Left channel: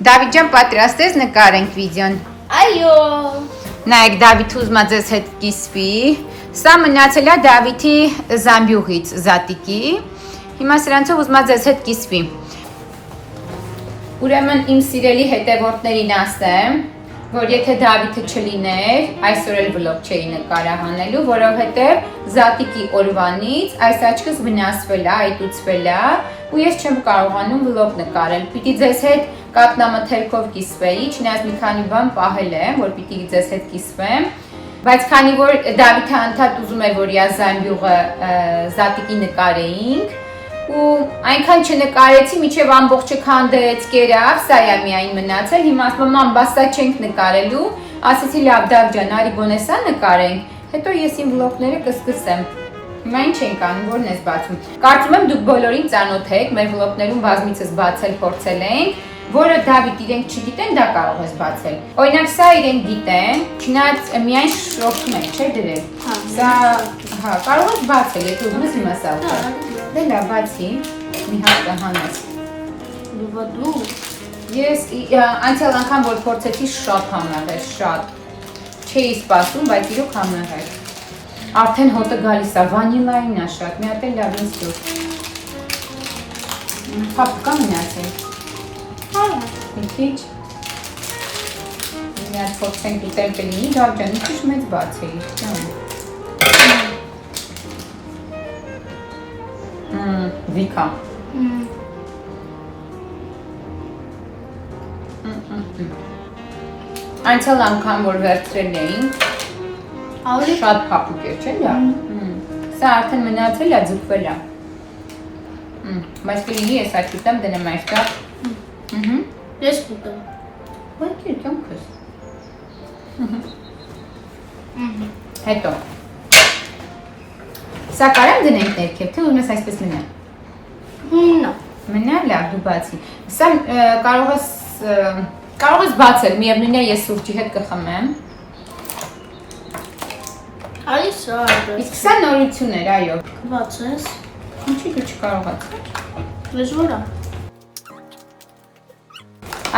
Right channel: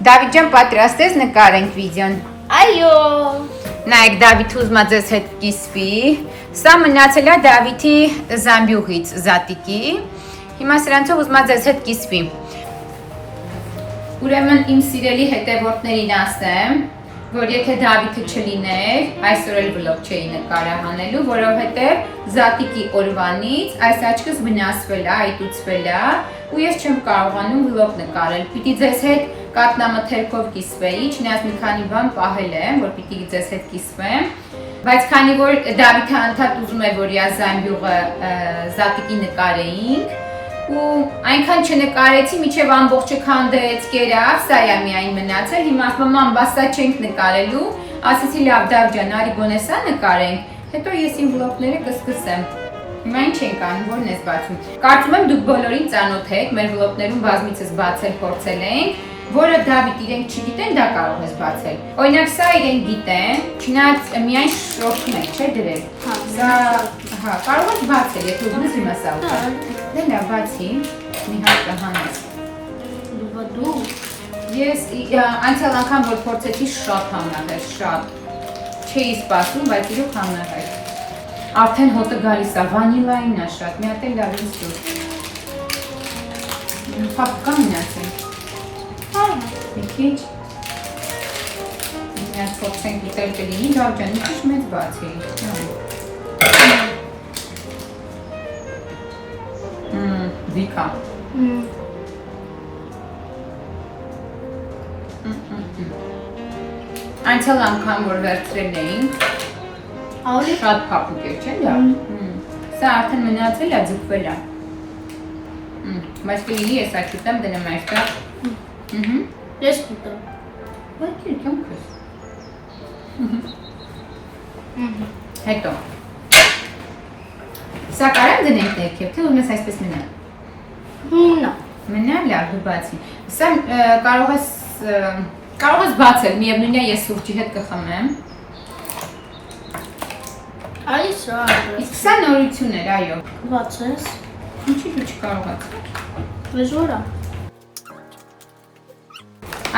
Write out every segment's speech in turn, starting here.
Դավիթ ջան, պատրաստ ես նկարենք վիդեոն։ Այո։ Նայեք, Դավիթը ուզում է ձեզ հետ կիսվի։ Սա մնացել է Դավիթի զամբյուղից, զատիկի։ Հիմա սրանցով ուզում է ձեզ հետ կիսվի։ Ուրեմն իմ սիրելի հետևորդներին ասեմ, որ եթե Դավիթը չլիներ, այսօր էլ վլոգ չէի նկարահանելու, որովհետև զատիկի օրվանից այս աչքս վնասվել է, այտուցվել է, ու ես չեմ կարողանում վլոգ նկարել։ Պիտի ձեզ հետ կատնամթերքով կիսվեի, չնայած մի քանի բան պահել եմ, որ պիտի ձեզ հետ կիսվեմ, բայց քանի որ Դավիթը անդադ ուզում է, որ իր զամբյուղը զատիկի նկարեինք, ու այնքան չնկարեցի, մինչև ամբողջը քանդեց, կերավ, սա է միայն մնացել, հիմա ասում եմ, բա սա չենք նկարելու, ասեցի լավ Դավ ջան, արի գոնե սա նկարենք, հետո ես իմ վլոգները կսկսեմ։ Հիմա ինչ ենք անում, որն ես բացում։ Կարծում եմ դուք բոլորին ծանոթ եք, մեր վլոգներում բազմիցս բացել, փորձել ենք, որը Դավիթ իրենք չգիտեն, դա կարող ես բացել։ Օրինակ սա իրենք գիտեն, չնայած միայն շրոփում են, չէ՞ դրել։ Սա, հա, կարող ես բացել, եթե ուզում ես հիմա սա ուտել։ Դե լավ, բացի, մի հատ կհանես։ Դու։ Ես անցյալ անգամ որ փորձեցի շատ համնավեր, շատ։ Չէի սպասում, բայց իրոք համնավեր։ Արդեն հոտը գալիս է, վանիլային է շատ, մի հատ էլ լավ ինձ դուր։ Փափկա մնացել։ Մի քիչ։ Մի հատ փորձենք ուտել կլինի, Դավ ջան, մի քիչ մեծ բացեի։ Վիկա։ Անցյալ անգամ որ վերցրել էինք, շատ փափուկ էր, չէ՞ դա։ Սա արդեն մնացել է, ձգվել է։ Բայց կլինի ես այդ ուտեմ դնեմ այստեղ։ Ես կուտեմ։ Բայց իրքեմ քս։ Հետո։ Սա կարեմ դնենք ներքև, թե ուզում ես այսպես մնա։ Մնա։ Մնա, լավ, դու բացի։ Սա կարող ես բացել, միևնույն է ես սուրճի հետ կխմեմ։ Արի սա։ Իսկ սա նորություն էր, այո։ Բացես։ Ինչի դու չկարող ես։ Դժվար է։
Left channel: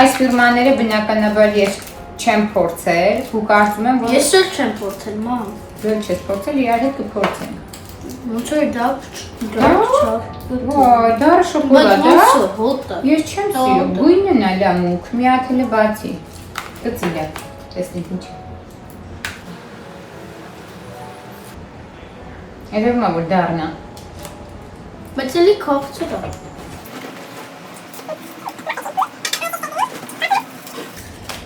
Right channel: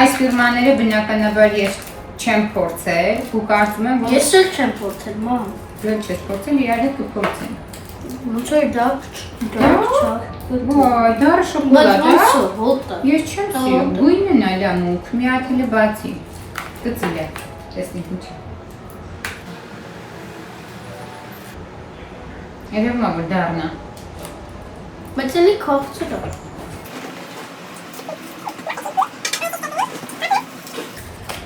Այս ֆիրմաները բնականաբար ես չեմ փորձել, ու կարծում եմ, որ Ես էլ չեմ փորձել, մամ։ Դու չես փորձել, իրար հետ կփորձենք։ Ոնց էր դա չա։ Ոայ, դառը շոկոլադ է։ Բայց ոնց է, հոտը։ Ես չեմ սիրում, գույնն է լա մուգ, մի հատ էլ բացի։ Գծիլ է, տեսնենք ինչ։ Երևում է, որ դառնա։ Բայց էլի քաղցր է։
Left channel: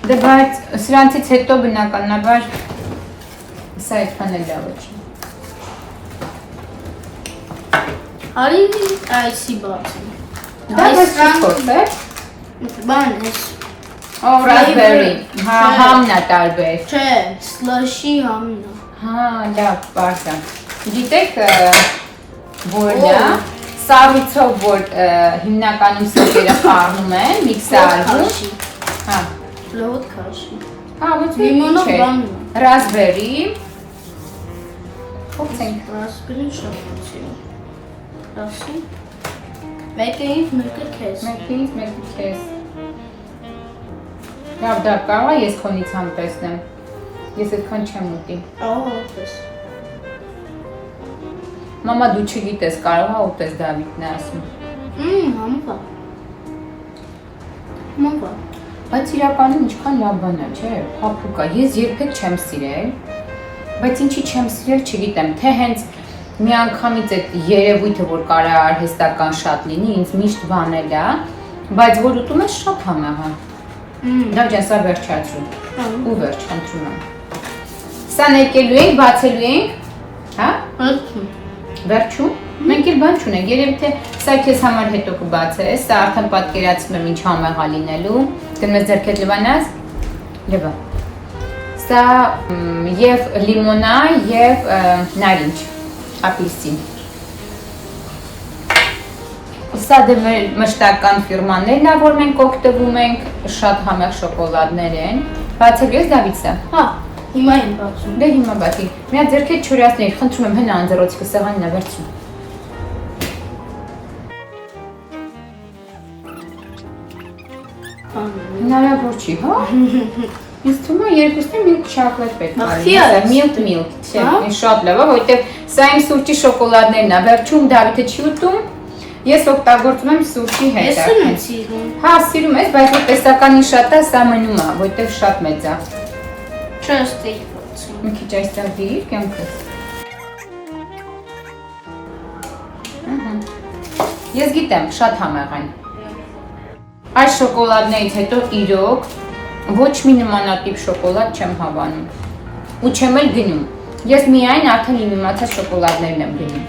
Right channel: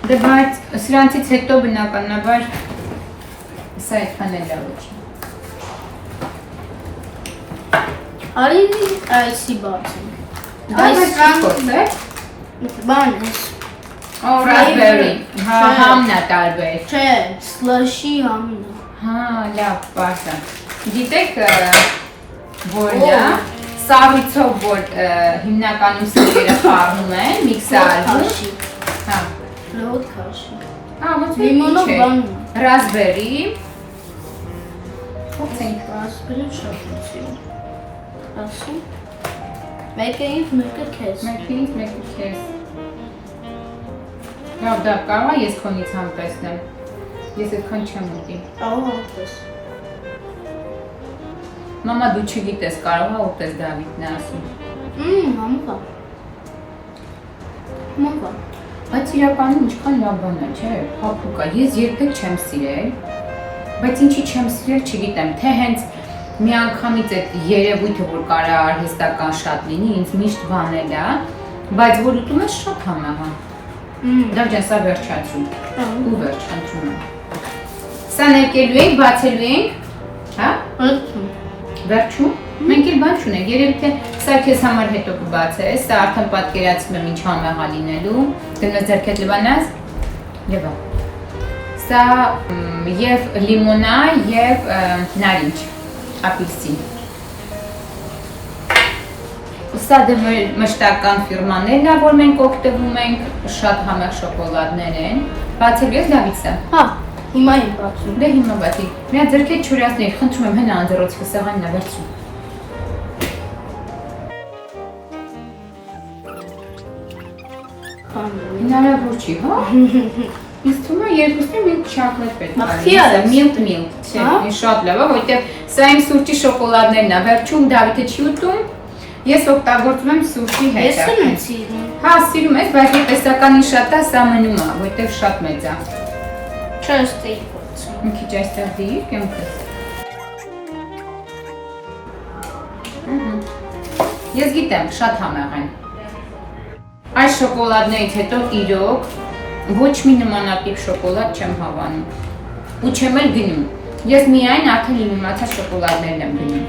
Դե բայց սրանցից հետո բնականաբար սա այդքան էլ լավ չի։ Արի այսի բացեմ։ Այս փորձել։ Բան էս։ Օ, ռասբերի։ Հա, համն է տարբեր։ Չէ, սլաշի համն է։ Հա, լավ, բարձր։ Գիտեք, որն է, սառույցով, որ հիմնականում սիրերը խառնում են, միքսարում։ Հա։ Լոտ քաշի։ Հա, ոնց Լիմոնով բանն է։ Ռասբերի։ Փոխենք։ Ռասբերին շատ սիրում։ Ասի։ Մեկը ինձ, մեկը քեզ։ Մեկը ինձ, մեկը քեզ։ Լավ, դա կարող է ես քոնից համ տեսնեմ։ Ես այդքան չեմ ուտի։ Կարող է ուտես։ Մամա դու չգիտես, կարող է ուտես Դավիթն է ասում։ Համբա։ Համբա։ Բայց իրականում ինչքան լավ բան է, չէ՞, փափուկ է։ Ես երբեք չեմ սիրել, բայց ինչի չեմ սիրել, չգիտեմ, թե հենց մի անգամից այդ երևույթը, որ կարող է արհեստական շատ լինի, ինձ միշտ վանել է, բայց որ ուտում ես շատ համեղ է։ Դավ ջան, սա վերջացրու։ Ու վերջ, խնդրում եմ։ Սա ներկելու ենք, բացելու ենք, հա? Վերջում։ Մենք էլ բան չունենք, երևի թե սա քեզ համար հետո կբացես, սա արդեն պատկերացնում եմ ինչ համեղ է լինելու։ Դնում ես ձեռքդ լվանաս։ Լվա։ Սա եւ լիմոնա եւ նարինջ, ապельսին։ Սա դե մշտական ֆիրմաներն է, որ մենք օգտվում ենք, շատ համեղ շոկոլադներ են։ Բացել ես Դավիթ սա։ Հա, հիմա եմ բացում։ Դե հիմա բացի։ Մի հատ ձեռքդ չորացնի, խնդրում եմ հնա անձեռոցիկը սեղանին է վերցրու։ Հնարավոր չի, հա։ Ինձ թվում է երկուսն էլ միլք շոկոլադ պետք է։ Ախի է, Միլք, չէ, շատ լավ է, որովհետև սա իմ սուրճի շոկոլադներն է։ Վերջում Դավիթը չի ուտում։ Ես օգտագործում եմ սուրճի հետ։ Ես եմ սիրում։ Հա, սիրում ես, բայց որ տեսականին շատ է, սա մնում է, որովհետև շատ մեծ է։ Չէ, ստեյք փորձի։ Մի քիչ այստեղ դիր, կյանքս։ Ես գիտեմ, շատ համեղ են։ Այս շոկոլադներից հետո իրոք ոչ մի նմանատիպ շոկոլադ չեմ հավանում։ Ու չեմ էլ գնում։ Ես միայն արդեն իմ իմացած շոկոլադներն եմ գնում։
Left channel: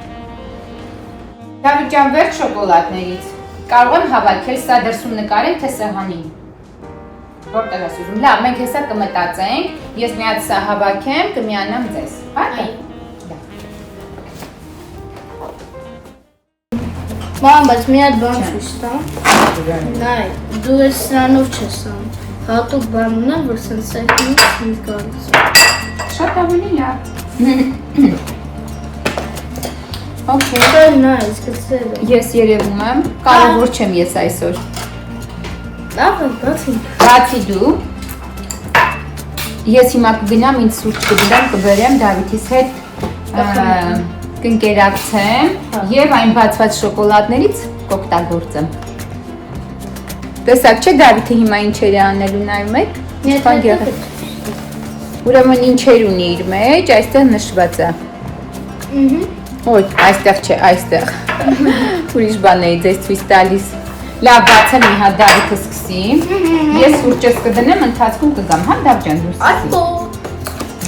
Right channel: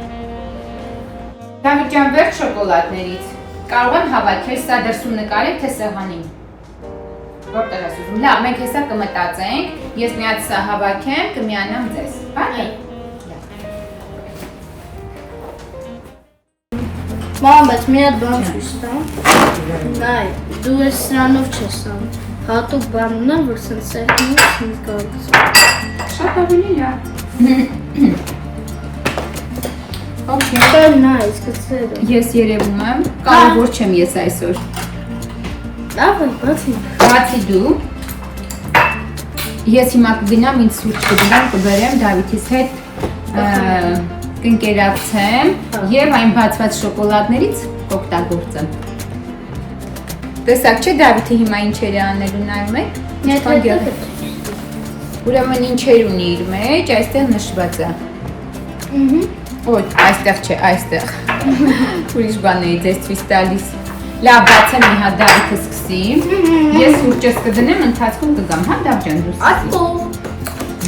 Դավիթ ջան, վերջ շոկոլադներից։ Կարող եմ հավաքել, սա դրսում նկարել, թե սեղանին։ Որտեղ ես ուզում։ Լավ, մենք հեսա կմտածենք, ես մի հատ սա հավաքեմ, կմիանամ ձեզ։ Հա՞։ Մամ, բայց մի հատ բան ցույց տամ։ Նայ, դու ես սրանով չես անում։ Հատուկ բան ունեմ, որ սենց սեղանից նկարես։ Շատ ավելի լավ։ Okay. Very nice, կծերը։ Ես երևում եմ, կարևոր չեմ ես այսօր։ Լավ է, բացի։ Բացի դու, ես հիմա կգնամ ինձ սուրճ կդրեմ, կբերեմ Դավիթիս հետ կընկերակցեմ և այն բացված շոկոլադներից կօգտագործեմ։ Տեսակ չէ Դավիթը հիմա ինչեր է անելու նայում եք։ Ուրեմն ինչեր ունի իր մեջ, այստեղ նշված է։ Ոյ, այստեղ չէ, այստեղ։ Ուրիշ բան էի ձեզ ցույց տալիս։ Լավ, բացեմ մի հատ Դավիթը սկսի։ Ես սուրճս կդնեմ, ընթացքում կգամ, հա Դավ ջան, դու սկսի։ Այո։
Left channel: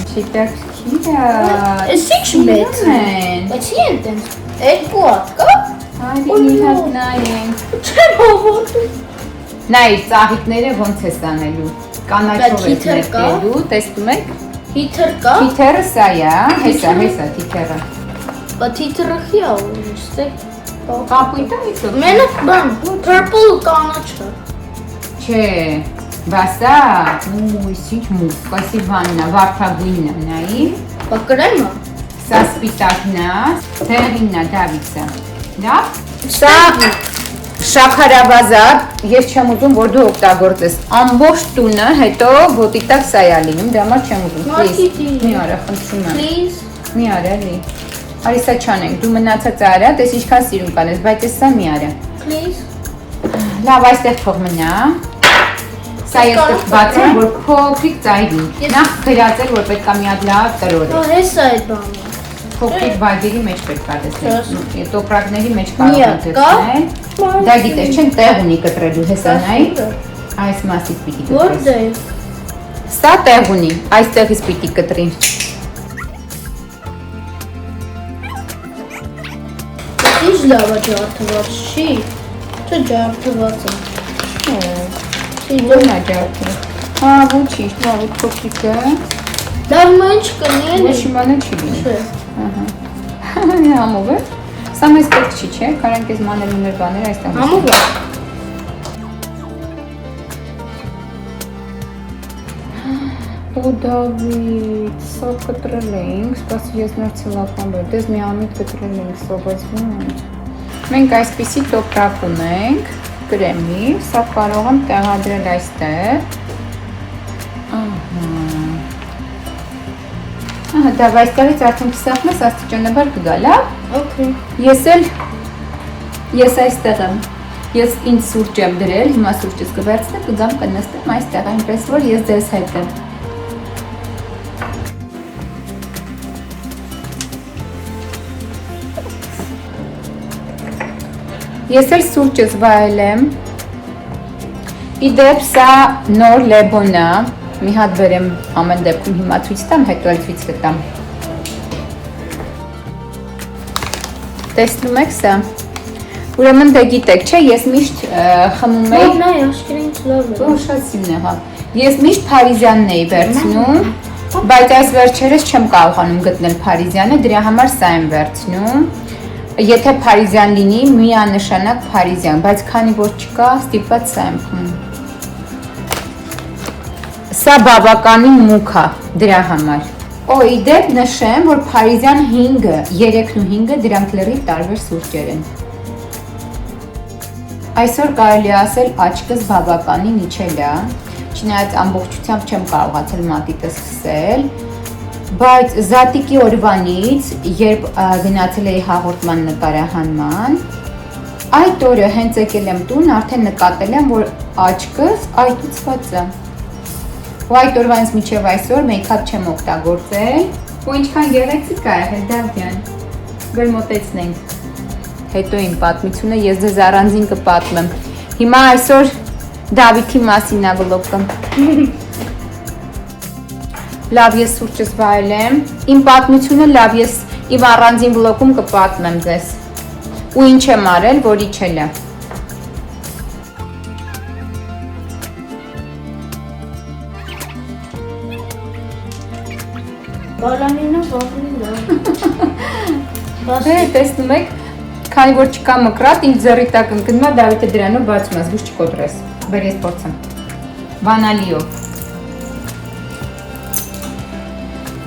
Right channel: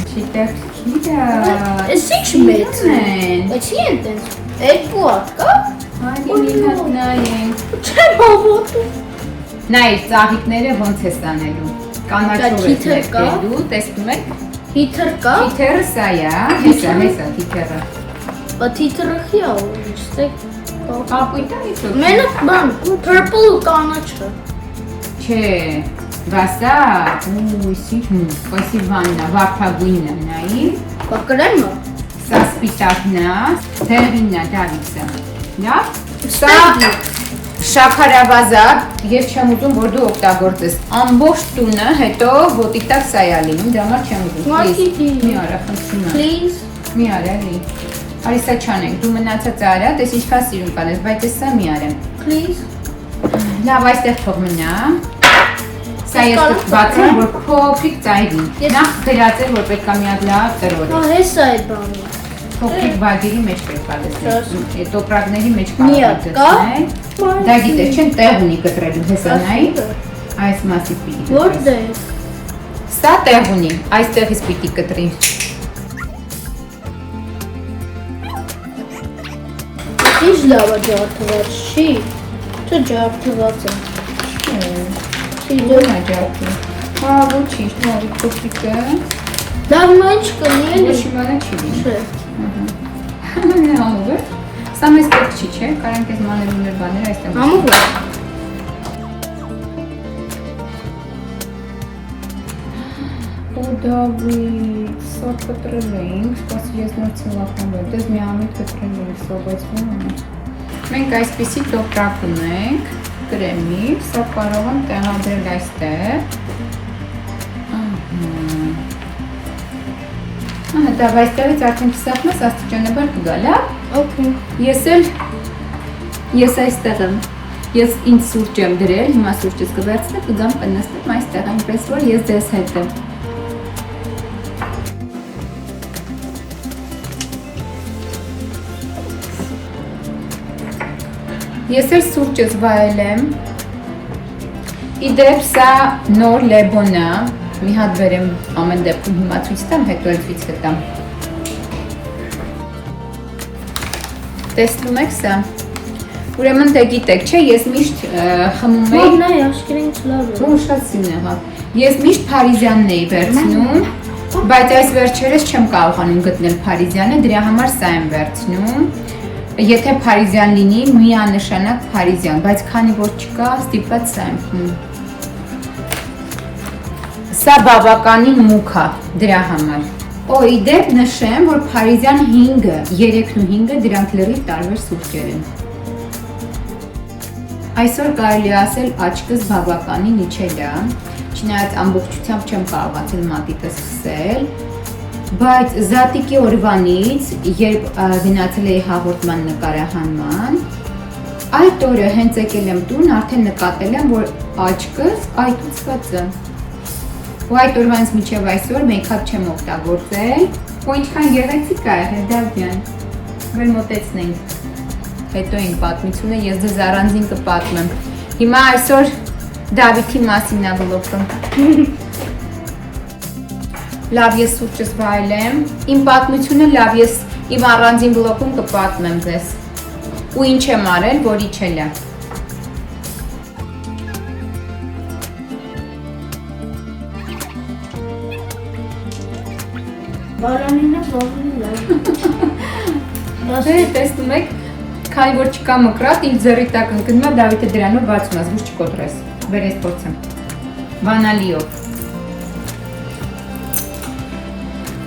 Չիտեղ քիրա։ Էս ինչ մեծ է։ Բայց ինչ են։ Երկու հատ կա։ Արի մի հատ նայենք։ Չեմ հավատում։ Նայ, ծաղիկները ոնց է ստանելու։ Կանաչով է ներկելու, տեսնում եք։ Հիթր կա։ Թիթերը սա է, հեսա թիթերը։ Բայց հիթրը խիա ուստեք։ Կապույտը միցով։ Մենակ բան, purple կանաչը։ Չէ, բասա, ինչ մուկ, կասիվաննա, վարդագույնը, նայի։ Բակրայմը։ Սա սպիտակն է, թեղինն է, Դավիթը։ Լավ։ Սա շաքարավազա, ես չեմ ուզում, որ դու օգտագործես։ Ամբողջ տունը հետո ոտի տակ սա է լինում, դա համար չեմ ուզում։ Մի արա, խնդրում եմ։ Please։ Մի արա, լի։ Արի սա չանենք, դու մնացած արա, տես ինչքան սիրուն կանես, բայց ես սա մի արա։ Please։ Լավ, այստեղ թող մնա։ Սա ես բացեմ, որ փոքրիկ ծայրի։ Նախ գրածել, որ պետք է մի հատ լավ տրոլ։ Հա, հեսա այդ բանը։ Փոքրիկ վայրերի մեջ պետք է դեսնել, տոպրակների մեջ կարող է դեսնել։ Դա գիտես, չեն տեղ ունի կտրելու հեսանայի, այս մասից պիտի կտրի։ Որտե՞ղ։ Սա տեղ ունի, այստեղից պիտի կտրի։ Ինչ լավ է ջարդված, չի։ Չէ ջարդված է։ Ինչ է ջարդի։ Հա, ոչինչ, նայ, փոքրիկը։ Լավ ինչ կնի էլի։ Ոչ իմանա չի լինի։ Չէ։ Համով է։ Սա մեզ պետք չի, չէ՞, կարանք ես մանելու մեր բաները այստեղ։ Համով է։ Ու Դավիթ, սա կտրել էինք, սպասի ես նոր ցլական բեր, դες մի ամիտ կտրել էինք, սովացնում եմ։ Մենք այսպիսի տոպրակ ունենք, կրեմի, սա կարող եմ տեղադրել այստեղ։ Ահա, դա այստեղից արդեն կիսախում ես աստիճանաբար կգա, լավ։ Okay։ Ես այստեղ եմ։ Ես ինձ սուրճ եմ դրել, հիմա սուրճս կվերցնեմ, կգամ կնստեմ այստեղ, այնպես որ ես ձեզ հետ եմ։ Ես էլ սուրճս վայել եմ։ Իդեպ սա նոր լեբոն է, մի հատ բերեմ ամեն դեպքում հիմա ցույց տամ, հետո էլ ցույց կտամ։ Տեսնում եք սա։ Ուրեմն դե գիտեք, չէ, ես միշտ խմում եի։ Մոդնա աշկերին լավ է։ Ո՞ր շատ սիրուն է, հա։ Ես միշտ Փարիզյանն էի վերցնում, բայց այս վերջերս չեմ կարողանում գտնել Փարիզյանը, դրա համար սա եմ վերցնում։ Եթե Փարիզյան լինի, միանշանակ Փարիզյան, բայց քանի որ չկա, ստիպված սա եմ խմում։ Սա բավականին մուկ է դրա համար։ Օ, իդեպ նշեմ, որ Փարիզյան 5-ը, 3-ն ու 5-ը դրանք լրիվ տարբեր սուրճեր են։ Այսօր կարելի ասել աչքս բավականին իջել է, չնայած ամբողջությամբ չեմ կարողացել մատիտը սկսել, բայց զատիկի օրվանից, երբ գնացել էի հաղորդման նկարահանման, այդ օրը հենց եկել եմ տուն, արդեն նկատել եմ, որ աչքս այտուցված է։ Ու այդ օրվանից մինչև այսօր մեյքափ չեմ օգտագործել, ու ինչքան գեղեցիկ է եղել, Դավթյան, որ մոտեցնենք։ Հետո իմ պատմությունը ես ձեզ առանձին կպատմեմ։ Հիմա այսօր Դավիթի մասին է վլոգը։ Լավ, ես սուրճս վայելեմ։ Իմ պատմությունը լավ, ես իմ առանձին վլոգում կպատմեմ ձեզ։ Ու ինչ եմ արել, որ իջել է։ Բարամինը զողնի Դե տեսնում եք, քանի որ չկա մկրատ, ինձ ձեռի տակ ընկնում է, Դավիթը դրանով բացում ես, ոչ չկոտրես։ Բեր ես փորձեմ։ Բանալիով։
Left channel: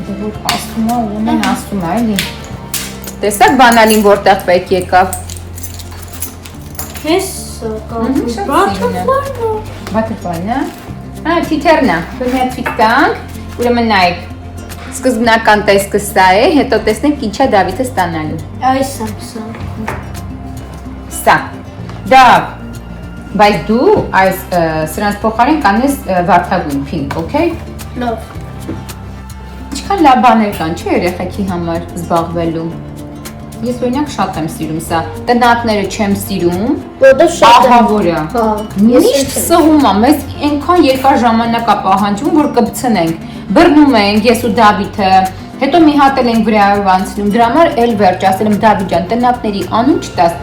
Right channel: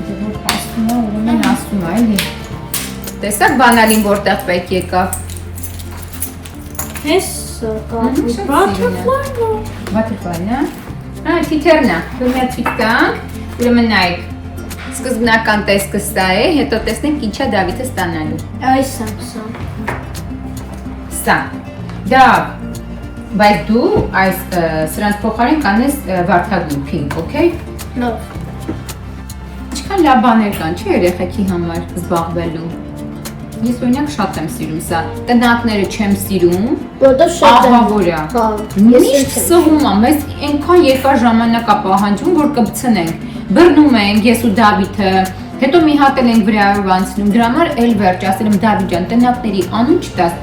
Դու ասում ես, ումեն ասում է, էլի։ Տեսակ բանալին որտեղ պետք եկավ։ Հես կամ Բաթրֆալն է։ Թիթերն է, որ մի հատ թիթ կանք, ուրեմն նայեք։ Սկզբնական տեսքը սա է, հետո տեսնենք ինչ է Դավիթը ստանալու։ այս եմ սա։ Սա։ Դա, բայց դու այս սրանց փոխարեն կանես վարդագույն pink, okay? Լավ։ Ինչքան լավ բաներ կան, չէ՞ երեխեքի համար զբաղվելու։ Ես օրինակ շատ եմ սիրում սա։ Տնատները չեմ սիրում։ Որտե շատ ահավոր է։ Հա։ Միշտ սհում է, մեզ այնքան երկար ժամանակ է պահանջում, որ կբցնենք։ Բռնում ենք ես ու Դավիթը, հետո մի հատ ենք վրայով անցնում, դրա համար էլ վերջ, ասել եմ Դավիթ ջան, տնապների անուն չտաս,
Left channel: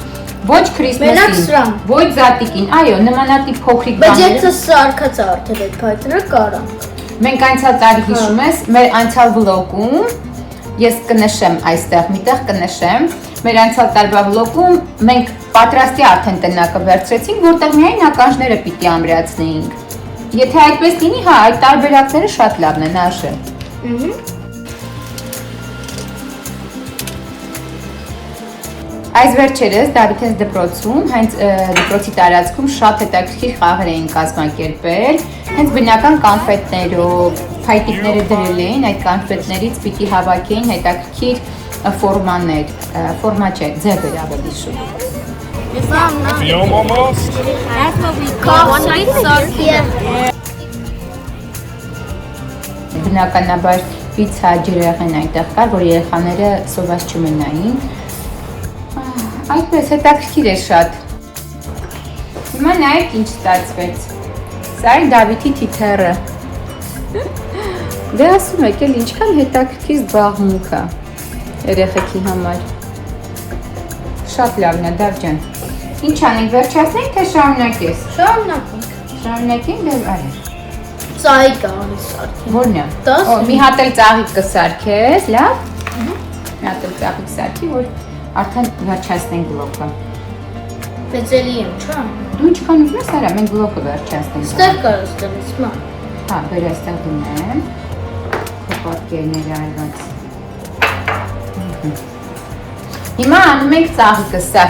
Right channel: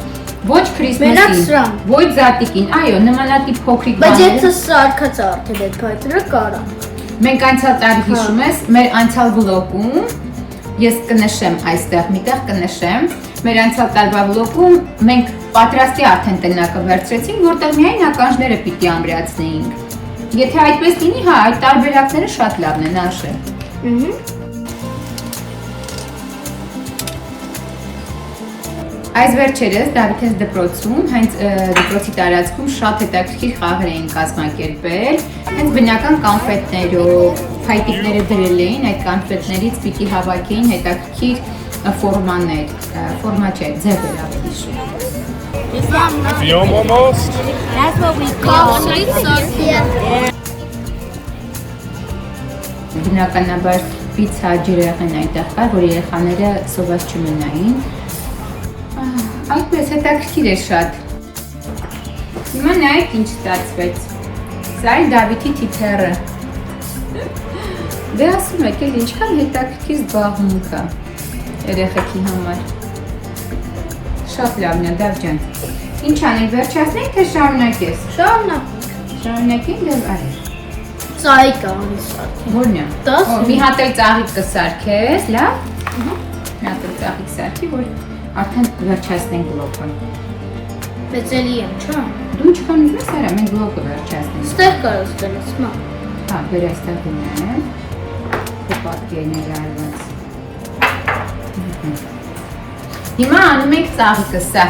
ոչ Քրիսմասին, ոչ Զատիկին, այո, նմանատիպ փոքրիկ Բայց բաները։ եթե սա արկած արդեն եք հայտնը կարանք։ Մենք անցյալ տարի հիշում ես, մեր անցյալ վլոգում, ես կնշեմ այստեղ, միտեղ կնշեմ, մեր անցյալ տարվա վլոգում մենք պատրաստի արդեն տնակը վերցրեցինք, որտեղ միայն ականջները պիտի ամրացնեինք։ Եթե այդպես լինի, հա, այդ տարբերակները շատ լավն են, Աշե։ Այս վերջերս Դավիթենց դպրոցում, հենց դպրոցի տարածքում շատ հետաքրքիր խաղեր էին կազմակերպել, հենց բնական կանֆետներով, փայտիկները դրել էին, այդ կանֆետներից պիտի հավաքեին հետաքրքիր ֆորմաներ, ֆորմա չէ, ձևեր ավելի շուտ։ Yum almost. That's what we call sweet sauce. Բնականաբար պիցա ջրեղեն այդտեղ կա, որ երեխաները սոված չմնային։ Այդպես հետաքրքիր է շատ։ Հիմա նայեք ինչ ստացվեց։ Սա է Դավիթի թիթերը։ Դե ասում եք էլ ինչքան հետաքրքիր զբաղմունք է երեխեքի համար։ Շատ լավն է, Դավ ջան։ Ինչ անենք, վերջացնենք, թե շարունակես։ Շարունակենք դե արի։ Ծայ կան սարք։ Որն է։ Տաս։ Մի հատ էլ ծաղիկ կսարքես, լավ։ Մի հատ էլ ծաղիկ սարքի, որ արդեն վերջացնենք վլոգը։ Բայց էլի եմ, չէ՞։ Դու ինչքան ուզում ես արա, մենք վլոգը վերջացնենք։ Ստեղ կարս դնես, մա։ Հա, բեր այստեղ դնեմ։ Դե պատկերներ արված։ Հիմա անում ենք ծաղիկը սա։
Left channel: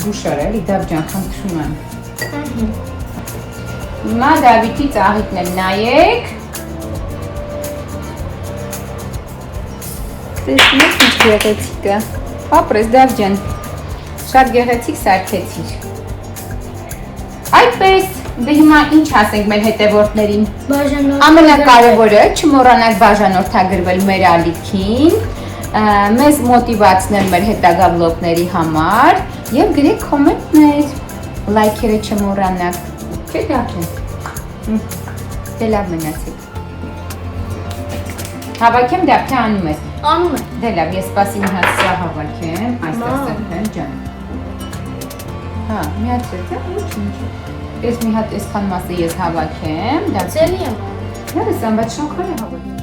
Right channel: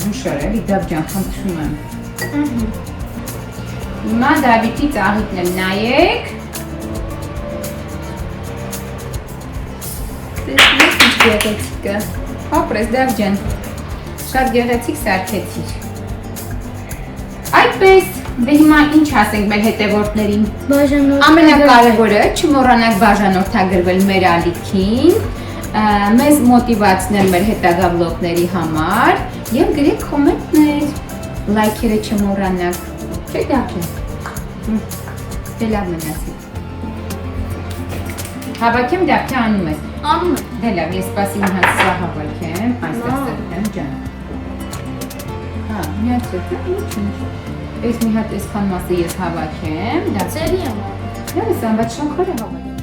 Զուշար էլի, Դավ ջան, խնդրում եմ։ Հիմա Դավիթի ծաղիկն եմ նայեք։ Տեսնեք ինչ գեղեցիկ է։ Ապրես Դավ ջան, շատ գեղեցիկ սարքեցիր։ Այդպես, դե հիմա ինչ ասենք մեր հետևորդներին։ Ամենակարևորը չմոռանաք բաժանորդագրվել մեր ալիքին, մեզ մոտիվացնել մեր հետագա վլոգների համար եւ գրեք կոմենտներ, լայքերը չմոռանաք։ Չէ՞ Դավ ջան։ Դե լավ մնացեք։ Հավաքեմ Դավ, թե անում ես։ Անում եմ։ Դե լավ, ես սպասի մի հատ սա հավաքեմ, այստեղ սրտեմ ջան։ Հա, մի հատ սրտեմ, ինչ։ Ես մի հատ այսքան մասը ես հավաքեմ, դա Ձելի եմ։ Լավ է, բայց շնորհքալ եմ հավաքեմ։